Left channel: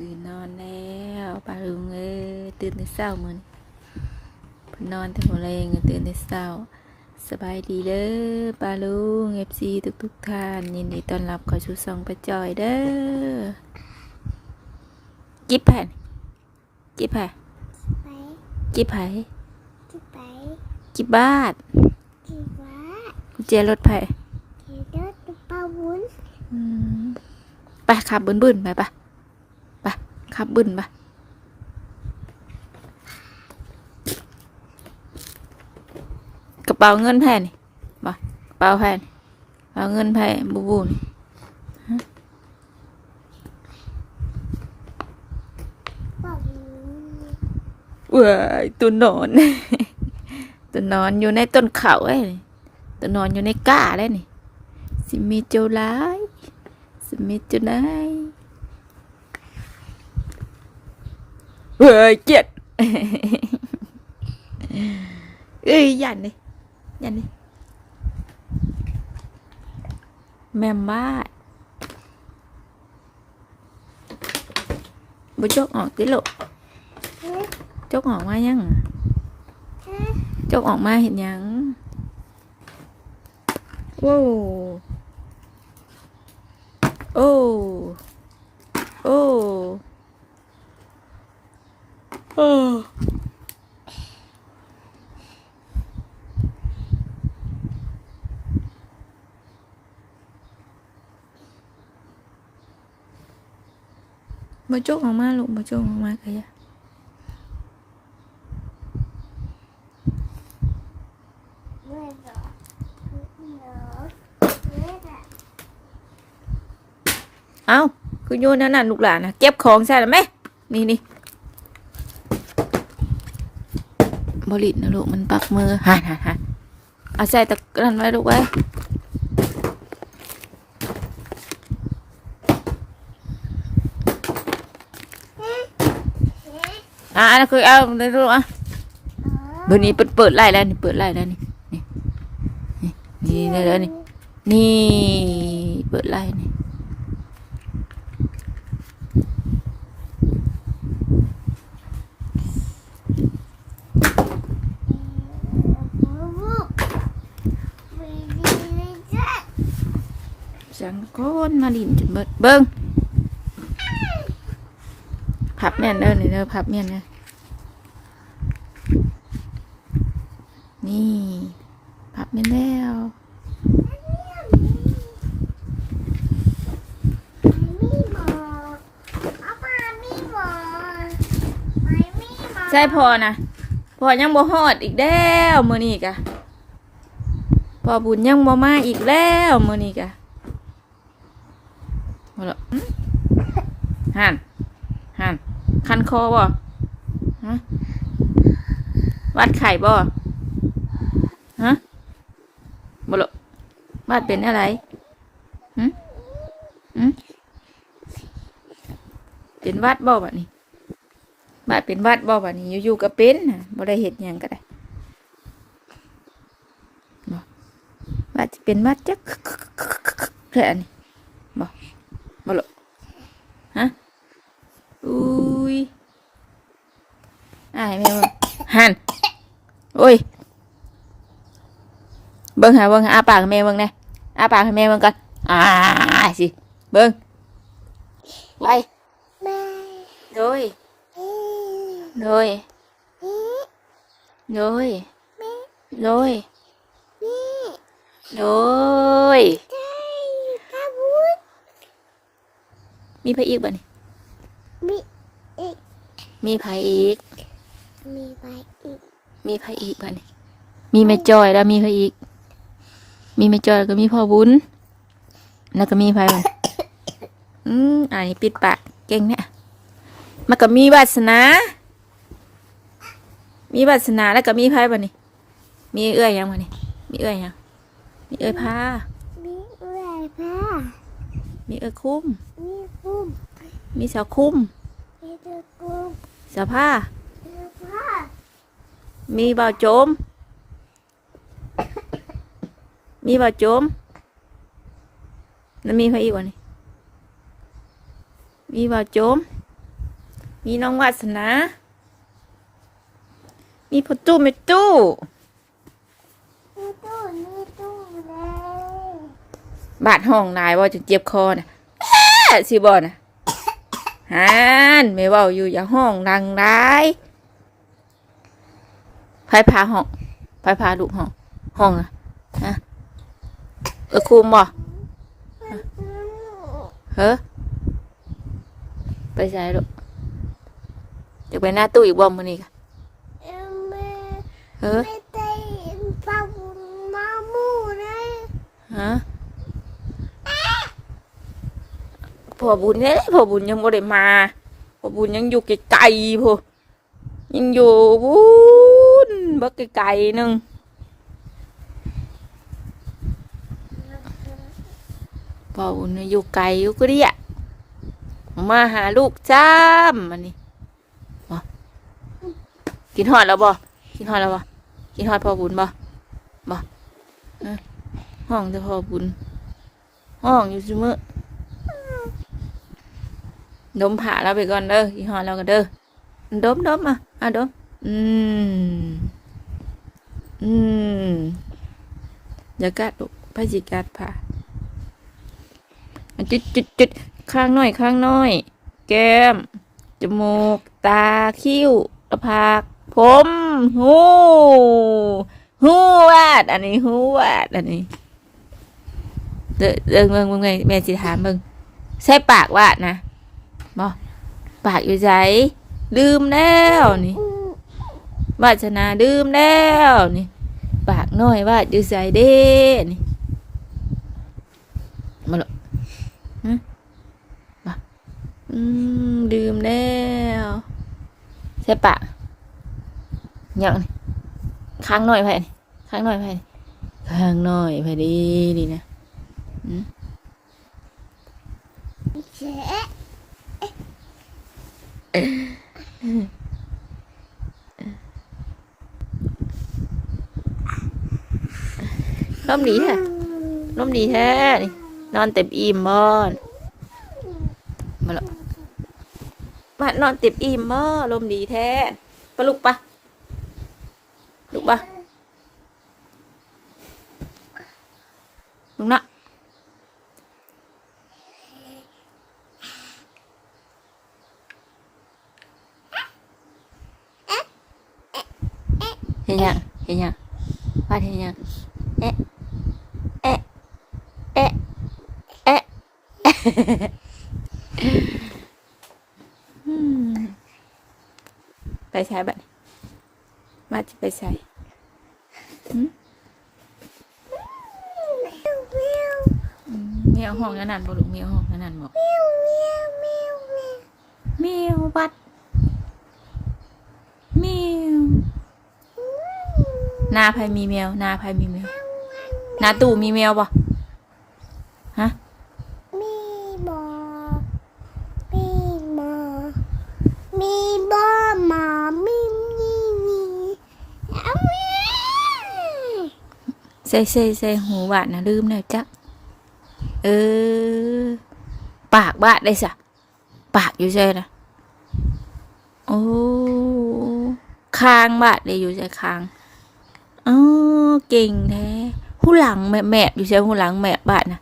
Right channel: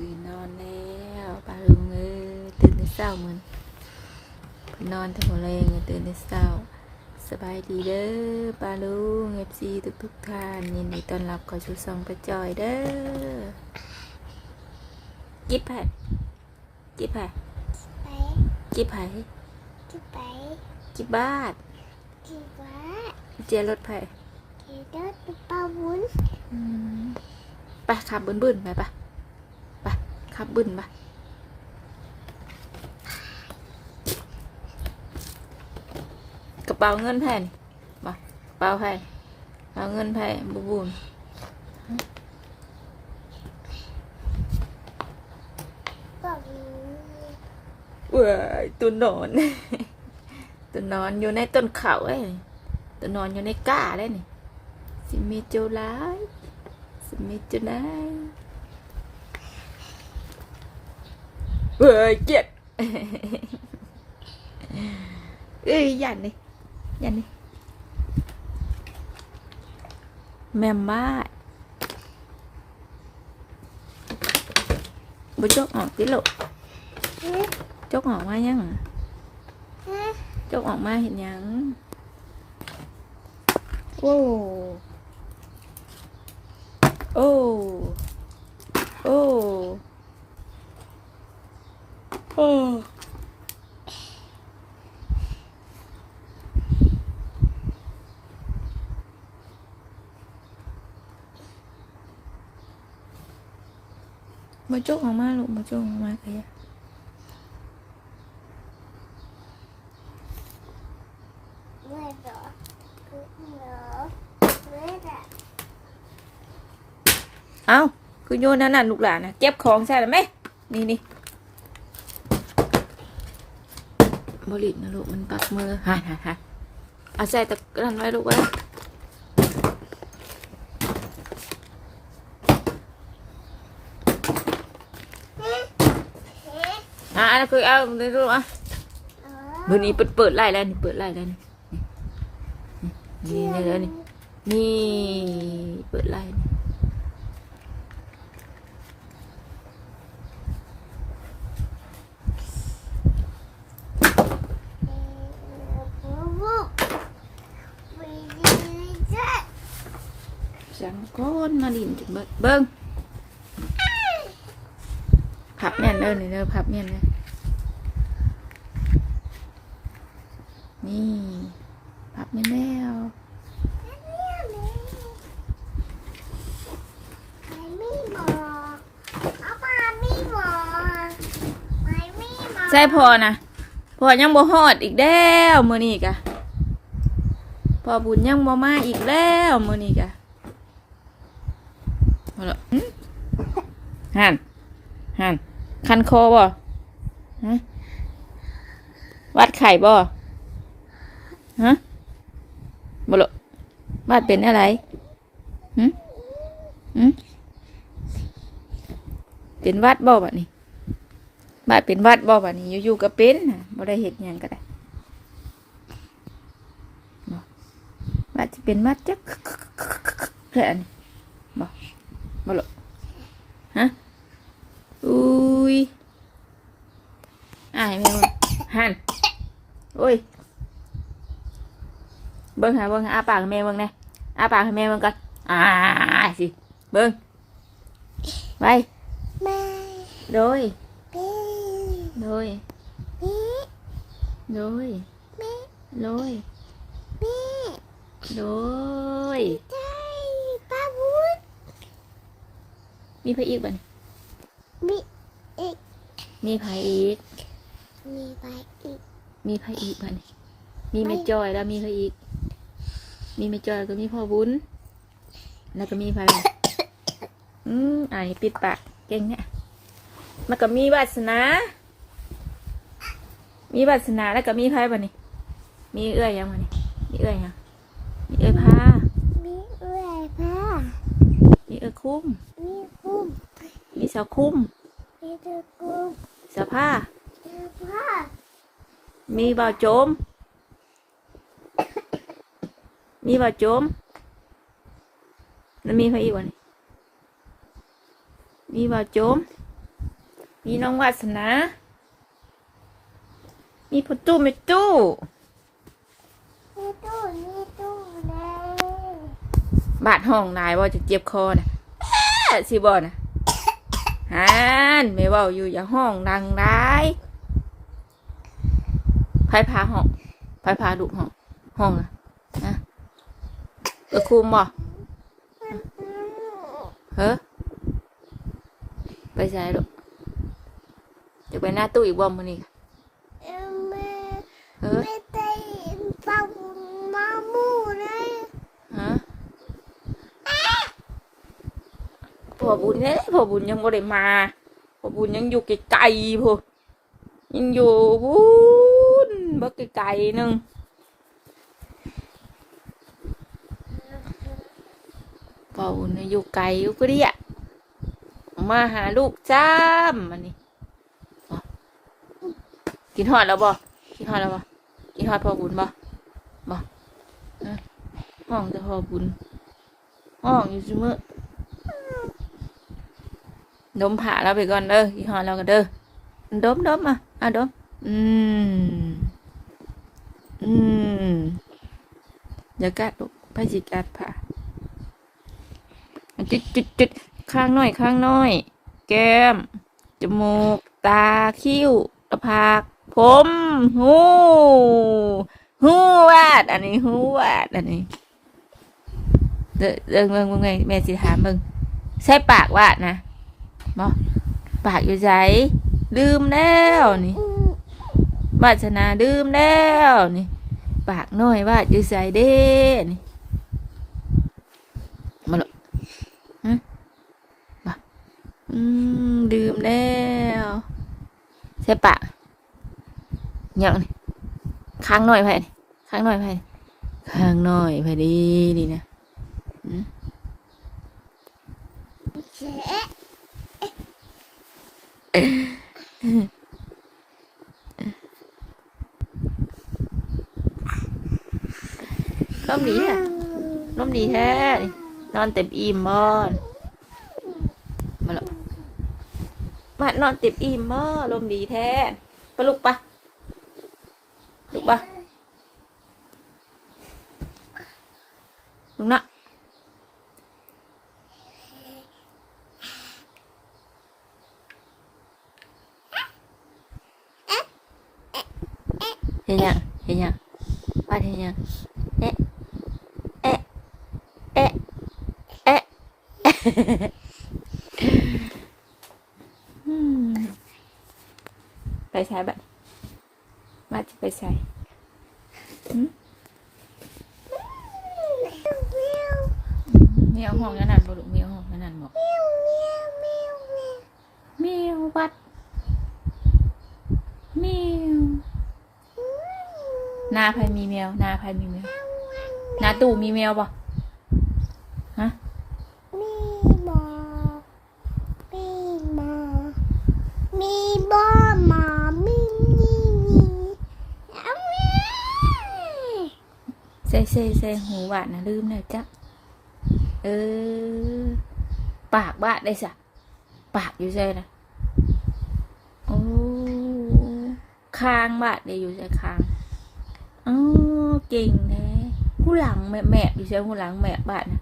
ตื่นนอนแล้วปลาลุงเอ้ยตื่นแต่เช้าเหมือนเพิ่นนอนแต่หัวแรงตื่นแต่เช้า สบายดีเด้อปลาลุงเอฟซีทุกทุกๆท่านยินดีต้อนรับเข้าสู่ซองประจอยเด้อจิบแผ่นจิบแผ่นไปจิบไผ่ที่ไปจิบบ้านที่วัดกุญแจรถไผ่ที่รถปลาวุ้นอืมไปขับบึนบึนๆไปปะไป ขับบึนไปกระเป๋าเงินแผ่นบ่กระเป๋าแผ่นกระเป๋าเงินแผ่บุบุนบอกเว้ยตัวนอน ตัวนอนอยู่ในต้นเขาไอ้นี่ตัวนอนอยู่ในก้าได้นี่สิมีเจ้าร้ายสิมีเจ้านายเว้ยเจ็ดเอ้ยยันเลยยันเลยแม่บ้านบ่จกออกติลูกเฮ้ยจกออกมายังฮะจกออกมาเห็นยังโอ้โอ้โอ้โอ้มาจกออกมาลูกมาจกออกมาก็ยาเมื่อเหรอคือเหรอเมื่ออะเอ้าคือโย นนั่นน่ะลูกหลานนะเก็บของใช่หรือไหมนี่นี่ บริดนะลูกมันปักมือหันหันหันเอาใส่ตะกร้นไว้ลูกไว้อะอันนั้นคือเอาในลูกอะเดี๋ยวนี้เปิดเปิดไล่แล้วนี่เปิดไล่แล้วนี่นี่นี่นี่แล้วนี่นี่เปิดไล่นี่ วูบวีดีวีเจ็ด ฉันคนมาดินจนเบิดเบิ้งพับแน่นเด้อนี่เด้อพับแน่นนะนี่พับแน่นแล้วไม่มีหมอเอาปลาไม่หมอไม่มีหมอใช่พอนะพอยังบ่ฮอดอีกแล้วมื้อนี้กะพอบุญยังบ่มาอีกแล้วมื้อนี้กะ เอาละหันหันคันคอบ่ฮะวัดไข่บ่ฮะบ่ละวัดเป็นอะไรหึหึเป็นวัดบ่บัดนี้บาเป็นวัดบ่บัดนี้อยู่ๆก็เป็นบ่ได้เฮ็ดยังก็ได้ว่าสิเป็นวัดจักแค่นี้บ่บ่ละ ฮะอุ้ยอายแม่เบิ่งหันโอ้ยเบิ่งหาเบิ่งหาอาปากให้แม่เบิ่งแหน่อาปากให้แม่เบิ่งก่อนอ่าสิเบิ่งไปโดยโดยโดยโดยโดย ใช่ปลาวุ้น มีไผอีกบ่นี่มีอีก มีไผอีก มีไปอีก มีไผอีกบ่นี่มีแม่จอยแล้วมีไผอีก มีแม่จอยแล้วก็มีพ่อบุญแล้วก็มีไผบ่อืมอันนี้ปิดปากเก่งเนี่ยมันก็มีวาสนา มีวาสนาแล้วก็มีไผบ่นี่มีเอื้อยยังบ่นี่มีเอื้อยยังมีเอื้อยพามีเอื้อยผ้า มีเอื้อยคุ้ม มีคุ้มมีสาวคุ้ม มีตะกุมสาวผ้า มีผ้ามีบ่าวโจม มีบ่าวโจม แล้วมีใครอีกวะนี่ มีบ่าวโจม มีน้องวาสนา มีประตูไม่ตู้นี่ตู้นี่ตู้เลย บาดห้องนายว่าจะเจ็บคอนะแอะสิบอนะฮันไม่เว่าอยู่อย่าห้องดังได้ไผพาห้องไผพาลูกห้อง ห้องนะฮะเออคุมบ่เฮ้อไปใส่ลูกเดี๋ยวไปหน้าตู้อีกบ่มื้อนี้กะเอ็มแม่เฮ้อ ไม่ได้ปลาบุญมามูเลย ฮะพ่ อบุญเนี่ยพอบุญยังบ่ได้มาพอบุญยังอยู่ไกลๆพอยังอยู่บุญบักไกลๆนึงพอบุญอยู่ไกลอยู่ก็เรียมาหาลูกจ้ามมันนี่กินหอดแล้วบ่กินหอดแล้วบ่กินหอดพอบุญบ่บ่ห้องจะพอบุญห้องอยู่เสมอ ดมผ่าเราไปก่อนเด้อยี่ห้อเรากันเด้อดมดมอะอะดม อืม อืมอย่ากัดลูกพาสิกัดผ่าจุดจุดจุดข้างน้อยข้างน้อย แก้ม จมูก ตา คิ้วกระพากผมหูหูวาดอันนี้หูวาดอันนี้เดินเดินเมืองเมืองไงแม่สิถามมึงใช่ปากวาดนะ บอปากอยู่ใจลืมแล้วนี่วาสนาลืมแล้วนี่ปากน้อยวาดอยู่ใจเด้นี่มาหรอฮะบออืมลืมแล้วใช่ปากเหยังนี่ข้างหน่อยไปนี่ข้างหน่อยไปนี่ข้างหน่อยไปดีนี่นะเจ๊ ร่มดีแท้ร่มดีแท้นี่นอนเต็มอิ่มบอนมาแล้วมานอนเต็มอิ่มบ่ลมดีแท้ปะลุกปะลุกปะลุกนะเห็นยังเห็นยังป้าเห็นยังเอ๊ะเอ๊ะ เอ๊ะเอ๊ะอืมไปใช้บัตรมาจะไปใส่เมียวห้องนั้นนั่นบ่ลูกเมียวห้องนั้นนั่นบอกเมียวบัตรเมียวนาภัยมีแมวนาภัยมีแมวนาตู่มีแมวบ่ ฮะมีบอมีบอมีบอหมามีมีมีเอาใส่ใส่ใส่หูบาดนะลืมแล้วจ้ะเออ ปากบาดได้สะปากอยู่ใช่นะโอ้คางบาดได้อยู่ใช่คางอ๋อเก่งแท้ผู้หลังแม่แม่อยู่ใช่ผู้หลังแม่บาดนะ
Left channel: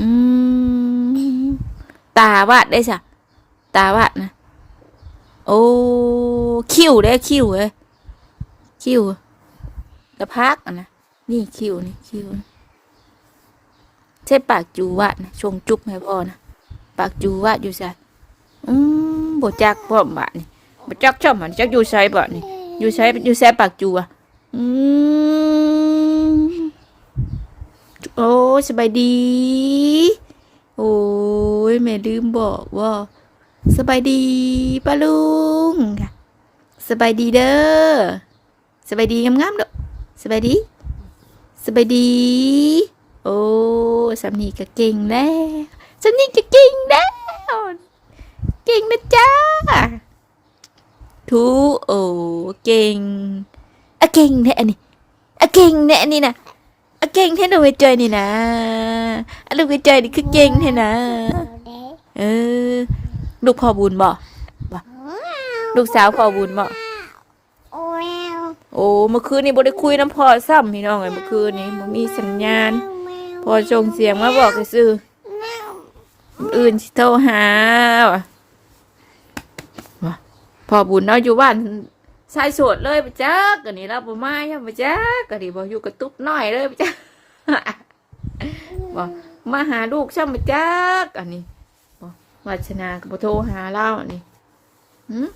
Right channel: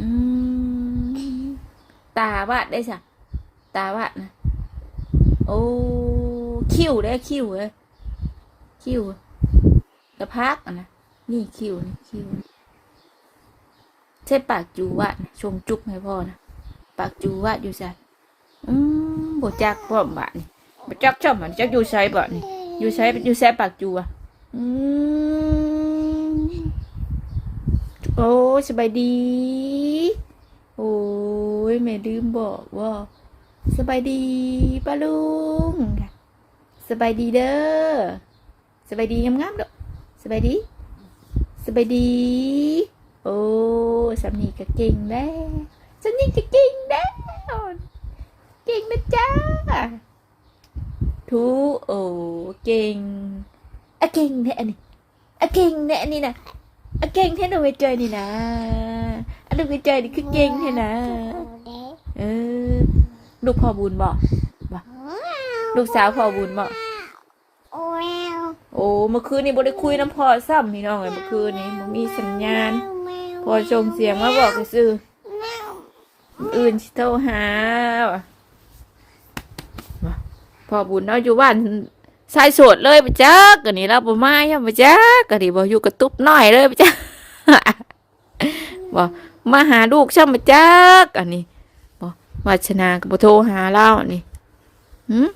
อืมตาบาดได้สะตาบาดนะ โอ้คิ้วได้คิ้วเอ้ยคิ้วกระพักนะนี่คิวนี่คิวใช่ปากจูวะนะชงจุบให้พ่อนะปากจูวะอยู่ใส่อืมบจักพ่อมบะนี่บจักชอบมันจักอยู่ใส่บะนี่อยู่ใส่อยู่ใส่ปากจูอะอืม โอ้สบายดี โอ้ยแม่ลืมบอกว่าสบายดีป้าลุงสบายดีเด้อสบายดีงามๆเด้อสบายดีสบายดี โอ้สำนีก็เก่งแล้วสำนีก็เก่งแล้วเก่งนะจ้าทูโอ้เก่งอะเก่งแท้อันนี้อะเก่งแท้อันนี้นะ เก่งแท้หนูไปเจอนี่นะอลูกไปเจอนี่คือเก่งแท้นะเด็กเออ ลูกพ่อบุญบ่ลูกสาวพ่อบุญบ่โอ้โอ้ เมื่อคืนนี้บ่ได้คุยน้ำพอซ้ำพี่น้องเอ้ยเมื่อคืนนี้บ่มีสัญญาณ พอส่งเสียงมาบอกซื่ออื่นโทรหาว่ะว่าพ่อบุญเนาะอยู่บ้าน ชายโสดเลยไปจักกันนี่เราบ่มายังไปจักกันนี่บ่อยู่กระตุ๊บน้อยเลยไปจักบ่มาหาลูกช่ำไปจักอันนี้บ่วาชนาก็บ่โทรหาเรานี่หืม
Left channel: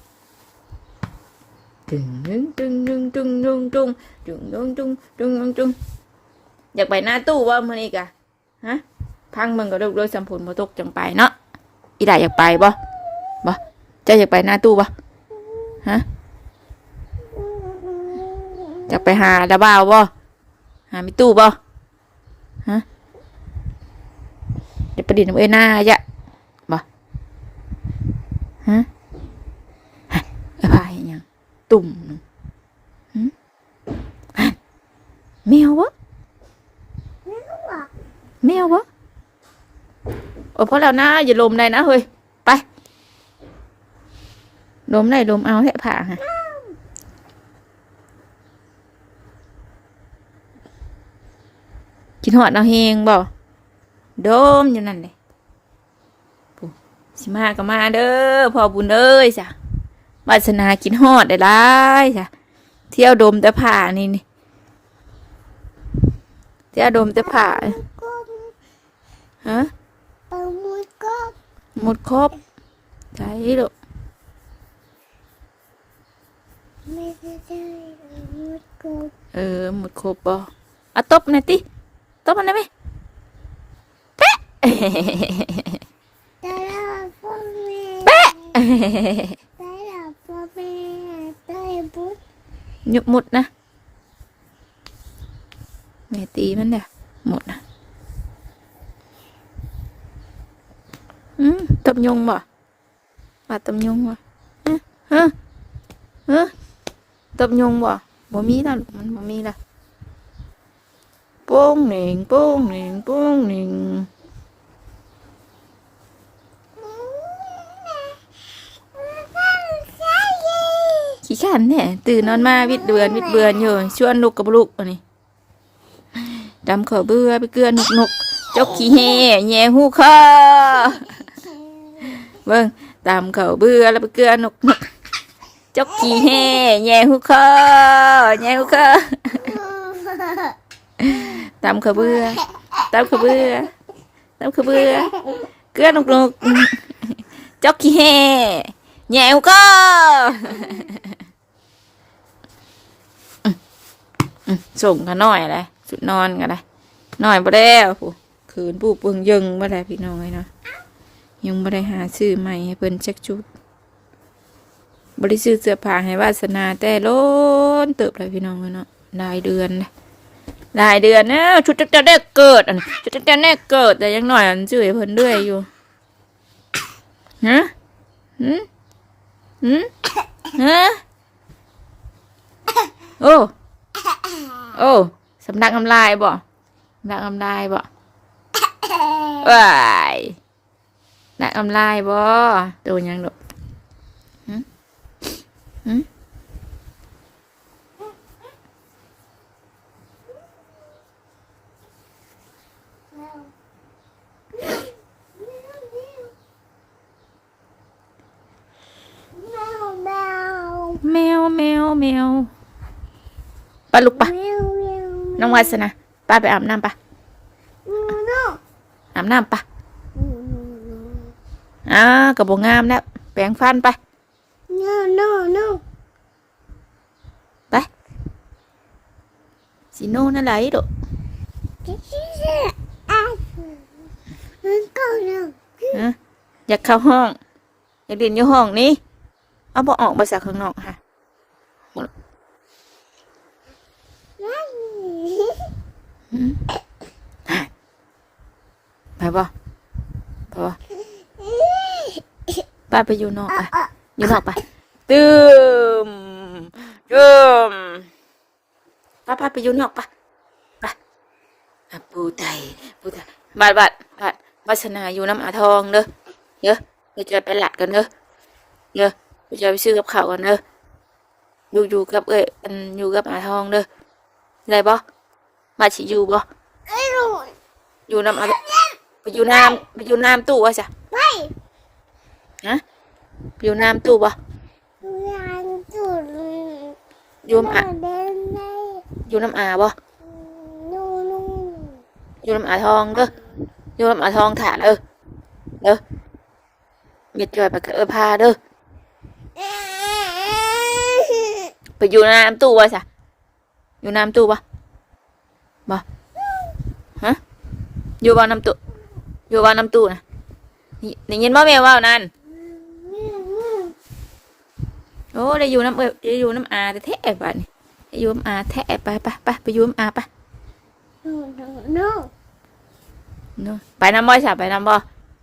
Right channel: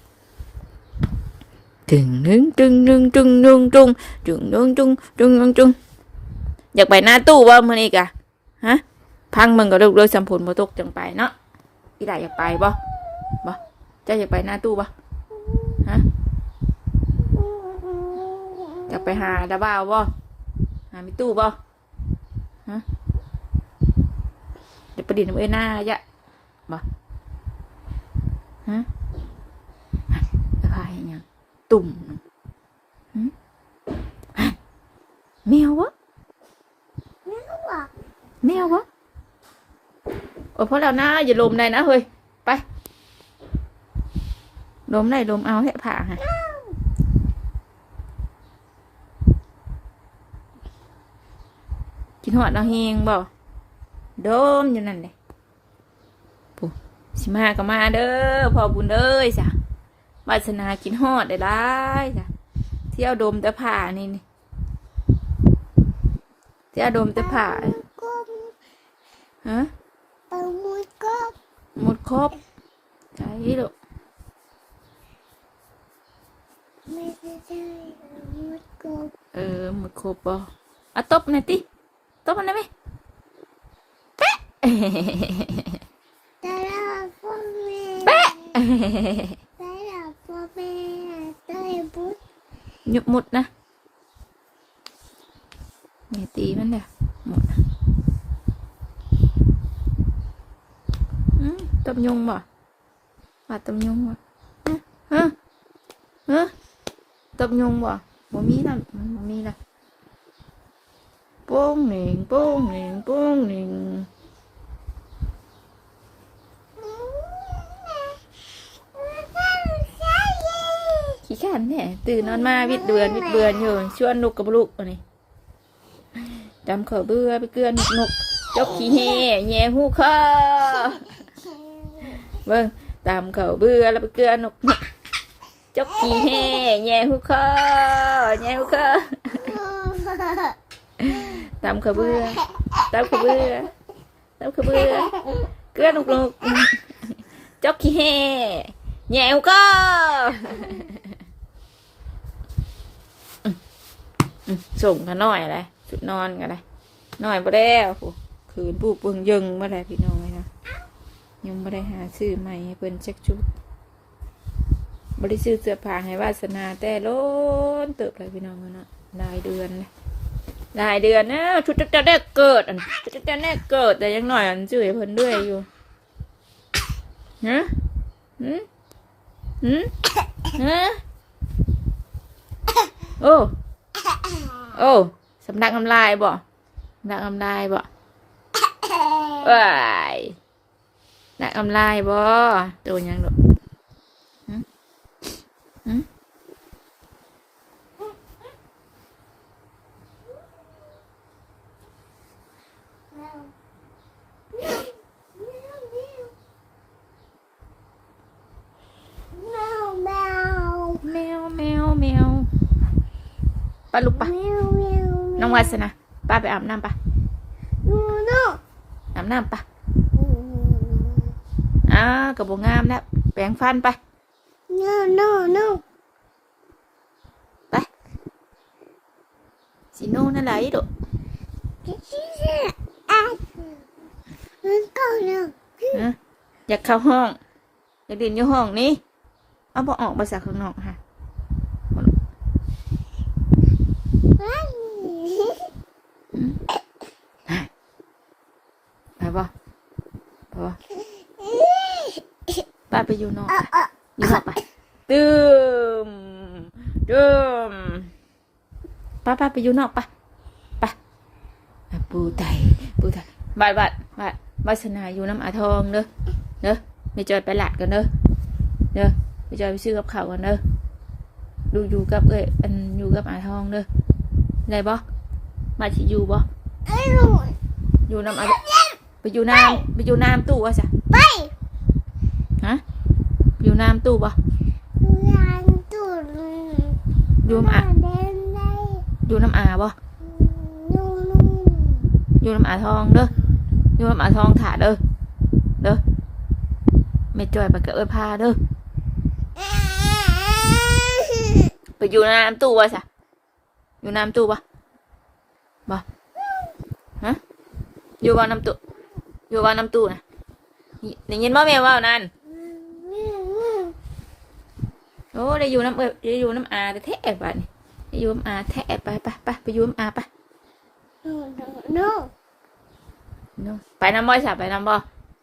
ตึงนึงตึงนึงตึงนึงตึงตึงนึงตึงตึงนึงตึงอยากไปหน้าตู้บ่มื้อนี้กะฮะพังมึงก็เลิกเลิกสัมผลบ่ตกจังไปเนาะอีดาอยากไปบ่บ่เจ้าอยากไปหน้าตู้บ่ฮะ อยากไปหาดาบ่าวบ่หามีตู้บ่ฮะเดี๋ยวประดิษฐ์น้ำเอ้ยหน้าจะบ่ฮะฮะอะไรยังตุ่มหึฮะแมววะแมววะโอ้พอแล้วนะอย่าลมได้นะเฮ้ยไปลมได้ลมเอาแค่ผ่าฮะ กินหอดเอาเฮงบ่โดมอยู่นั่นเลยปุ๊สิมาก็มาเด้อพ่อบุญเอ้ยจ้ะวาสนากินฮอดได้หลายจ้ะเที่ยวดมแต่ผ่านี่นี่เที่ยวดมแต่ผ่าก็ฮะไปมุดก็หมดครบใจลูกไม่ได้มุดก็เออหมดครบบ่อะตบหน่อยติตบมันได้ไหมเป๊ะแต่ละพ่อแม่เป๊ะแต่ละพ่อแม่ได้บุตรหยุบหมดนะแม่ตีมันเด้อหมดนะอืมต บยงบ่บาดตบยงบ่ฮะฮะฮะตบยงบ่บ่มีแล้วมันบ่มีละ โป้งหน่งโป้งหน่งโป้งหน่งขี้ขันแน่ตื่นนอนมาวิดเบือนวิดเบือนอยู่ชวนลูกกับลูกอันนี้ดำเขาเบื่อไปเกลือนนกนกจกขี้เห่แย่หูคอเบิ่งตามเขาเบื่อแล้วไปเกลือนนกนกจกขี้เห่แย่หูคอแย่หูคอ ตามเขาเบื่อตามเขาเบื่อตามเขาเบื่อเกลือนนกนกจกขี้เห่แย่หูคออืมส่งกันหน่อยเลยจุดนอนกันเลยหน่อยบ่ได้ผู้คืนผู้เปิงยึงบ่ได้พี่น้องเลยเนาะยังบ่ได้หาซื้อใหม่ให้เพิ่นจักชุดบ่ได้ซื้อเสื้อผ้าให้วาสนาแต่โล้นเติบเลยพี่น้องเลยเนาะหลายเดือนเลย หลายเดือนแล้วชุดจักจะได้เกิดอันชุดจักจะได้เกิดแต่ยังหน่อยอันซื้อเพิ่นด้วยอยู่ฮะหืมหืมฮะโอ้โอ้สำนักน้ำลายบ่สำนักน้ำลายบ่ว้ายนักน้ำลายบ่ตัวยังดอกหึหึมวแมว แมวแมวแมว ไปลูกไปแมวแมวน้องวาสนาป้าไปอาบน้ำปะนูนูอาบน้ำปะนูนูอ่ากระบอกงามแล้วแปรงฟันไปนูนูนูไปสีโน่นั่นไหลดอกอะมันก็เรื่องฮะอยากเข้าห้อง อยากเรียนอยู่ห้องนี้ เอาบอออกภาษาข้างนอกค่ะ ไปบ่ไปบ่ป้าไปอยู่นอกไปอยู่นอกไปตื่มตื่มป้าป้าไปอยู่นอกไปไปอะปูไตปูไตบาดบาดบาดวาสนาอยู่น้ำอาทองเด้อเด้อเดี๋ยวจอยไปหลัดกันเด้อเด้อไปจอยไปซื้อกับข้าวก่อนเด้ออยู่อยู่กับเอ้ยอันอยู่กับอาทองเด้อได้บ่มาสิอยู่บ่ไอ้หนูอยู่น้ำอะ ไปอยู่น้ำไปอยู่น้ำตู้วะจ้ะไปฮะไปอยู่น้ำตู้บ่ดูยานตุ่นอยู่น้ำอาเดินได้อยู่น้ำอาบ่นู่นนู่นอยู่น้ำอาทองเด้ออยู่น้ำอาทองถ่าเด้อเด้อเม็ดจอยไปกับเอ้ยพาเด้อไปอยู่น้ำตู้วะจ้ะอยู่น้ำตู้ปะบ่ฮะอยู่บ้านน้ำตู้ อยู่บ้านน้ำตู้นะนี่ได้ยินบ่แม่ว่าวนั่นโอ้ได้อยู่น้ำเอ้ยได้อยู่น้ำอาแต่แท้บ้านนี่ได้อยู่น้ำอาแท้ไปไปไปไปอยู่น้ำอาไปนู่นนู่นนู่นนู่นไปน้ำบ่จ้ะไปน้ำบ่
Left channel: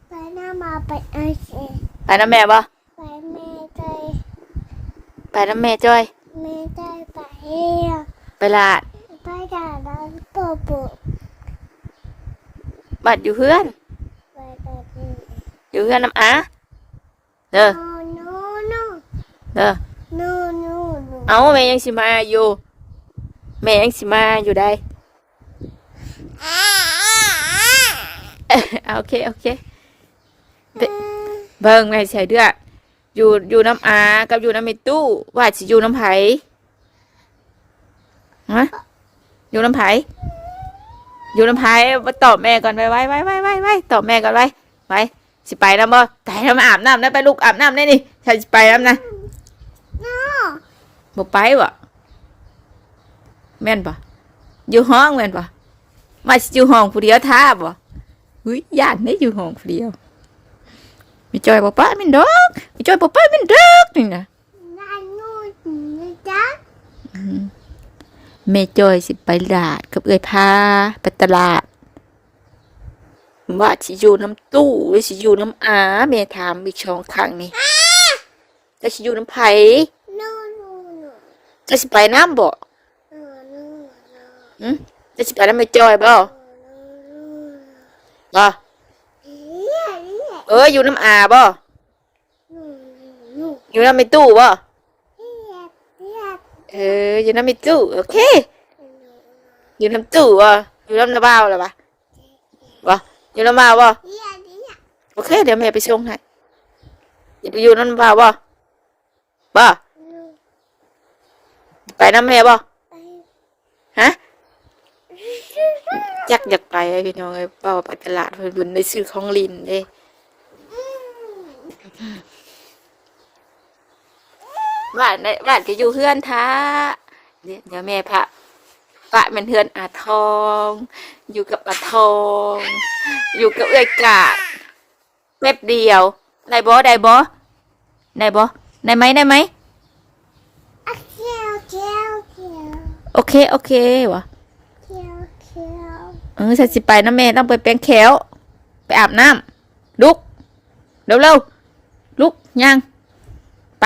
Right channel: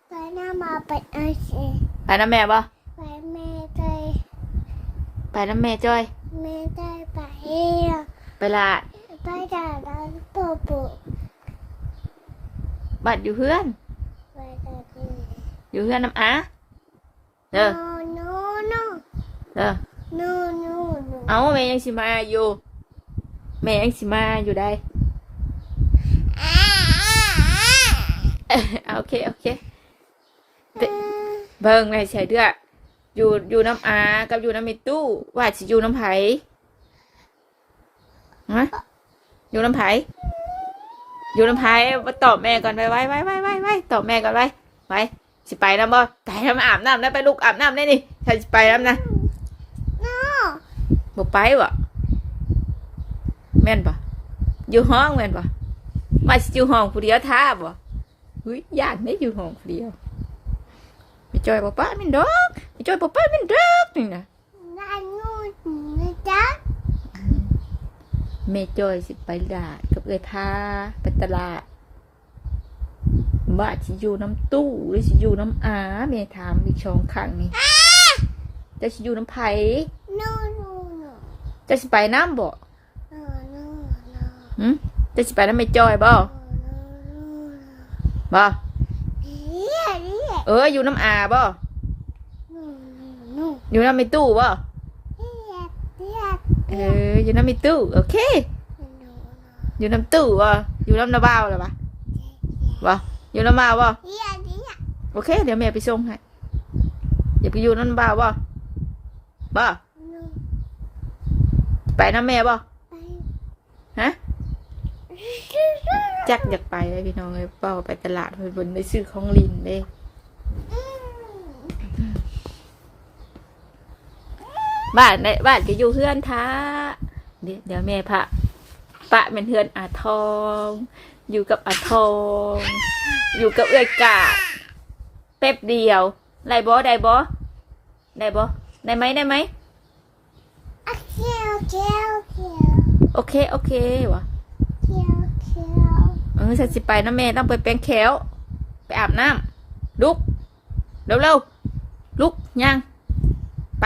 ไปหน้ามาไปเอาสิไปน้ำแม่บ่ไปแม่ใจไปน้ำแม่จ้อยแม่ใจไปเฮียไปลาดไปด่าร้านปูปูบัดอยู่เพื่อนไปด่าปู อยู่เพื่อนน้ำอาเด้อโน่โน่เด้อโน่โน่โน่เอาแม่ยังสิมาอยู่ แม่ยังสิมาอยู่ได้อ่าอ่าโอเคโอเคเบิ่งในใส่เดืออยู่อยู่น้ำอากับอยู่น้ำเมตู้ว่าสิอยู่น้ำไผฮะอยู่น้ำไผ อยู่น้ำไผมาตอบแม่ก่อนไปไว้ไว้ไว้ไว้ไว้ตอบแม่ก่อนไว้ไว้สิไปน้ำบ่ไปน้ำอาบน้ำนะไปลูกอาบน้ำได้นี่ฉันสิไปน้ำนะโน่บ่ไปวะแม่นปะอยู่ห้องแม่นปะมาสิอยู่ห้องผู้เดียวท่าบ่หุ้ยย่านได้อยู่ห้องผู้เดียวไม่จอยบ่ป้ามินดอกไม่จอยบ่ป้ามินดอกนี่นะ ด้านนู่นนะจ๊ะ แม่จอยสิไปตลาดกับเอ้ยพาไปตลาด ว่าสิอยู่น้ำตู้หรือสิอยู่น้ำอาแม่ถามอีกช่องข้างนี่จะสิอยู่น้ำไผโน่โน่โน่จะสิไปน้ำบ่โน่โน่โน่หึจะสิไปน้ำแม่จอยบ่โน่บ่เฮียเฮียเอออยู่น้ำอาบ่โน่โน่อยู่น้ำไม่ตู้บ่เฮียเฮีย เอออยู่น้ำม่ตู้โอเค อยู่น้ำตู้บ่อยู่น้ำนาบ้าวหรอปะบ่อยู่น้ำบ้าวบ่เฮียเฮียโอเค เดี๋ยวแม่ไปส่งให้อย่าไปอยู่น้ำบ้าวบ่บ่โน่ไปน้ำแม่บ่ฮะจักอยากไปไอพี่น้องไอ้เป้าไปตลาดเพิ่นบุญได้ซื้อของลินเด้ อืม บ้านได้บ้านจะอยู่เฮือนท้าเดี๋ยวเดี๋ยวแม่พระปะเป็นเฮือนอาทอง อยู่กับอาทอง อยู่กับเอื้อยกาดแป๊บเดียวได้บ่ได้บ่ได้บ่ได้ไหมได้ไหมโอเคโอเคโอเคโอเคโอเควะโอเคโอเคเออฉันสิไปนะแม่ต้องไปแปรงแขวไปอาบน้ำลุกเร็วเร็วๆลุกยังไป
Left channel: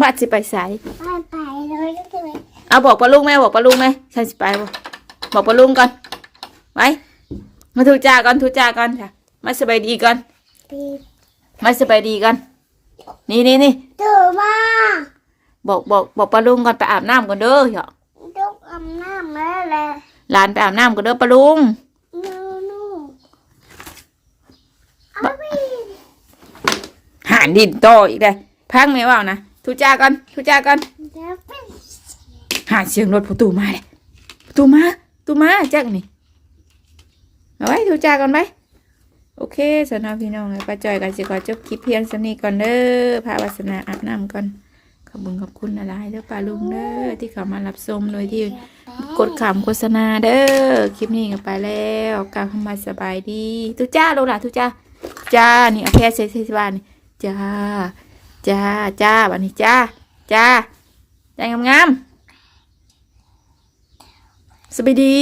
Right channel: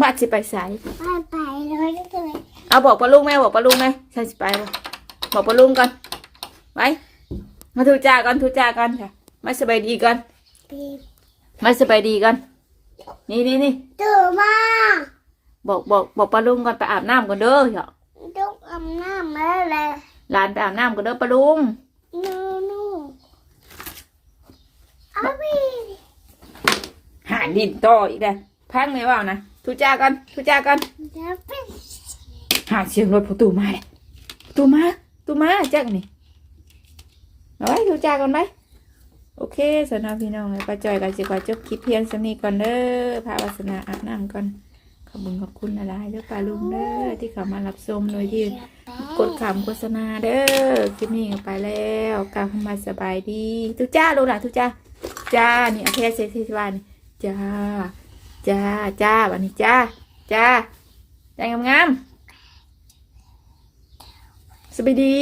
บ้านสิไปใส่ไปไปเลยเลยเอาบอกปลาลุงแม่บอกปลาลุงแม่ฉันสิไปบ่บอกปลาลุงก่อนไว้มาทูจาก่อนทูจาก่อนค่ะมาสบายดีก่อนปีมาสบายดีก่อนนี่นี่นี่ตื่นมาบอกบอกบอกปลาลุงก่อนไปอาบน้ำก่อนเด้อเหรอลูกอาบน้ำแล้วแหละหลานไปอาบน้ำก่อนเด้อปลาลุงนูนูอาบีหานดินโตอีกเลยพังไหมว่าวนะ ทูจาก่อนทูจาก่อนเดี๋ยวเป็นหาเสียงรถประตูมาเลยประตูมาประตูมาจักนี่เอาไว้ทูจาก่อนไหมโอเคสำหรับพี่น้องไป้าจอยกันสิขอจบคลิปเพียงสำนี้ก่อนเด้อพาวาสนาอาบน้ำก่อนขอบคุณขอบคุณอะไรเด้อป้าลุงเด้อที่เขามารับชมเลยที่กดขำโฆษณาเด้อคลิปนี้กันไปแล้วกลับเข้ามาสบายดีทุจ้าลูกหลานทุจ้าจ้านี่แค่เซซิบานจ้า จ้าจ้าวันนี้จ้าจ้าใจงามๆสบายดี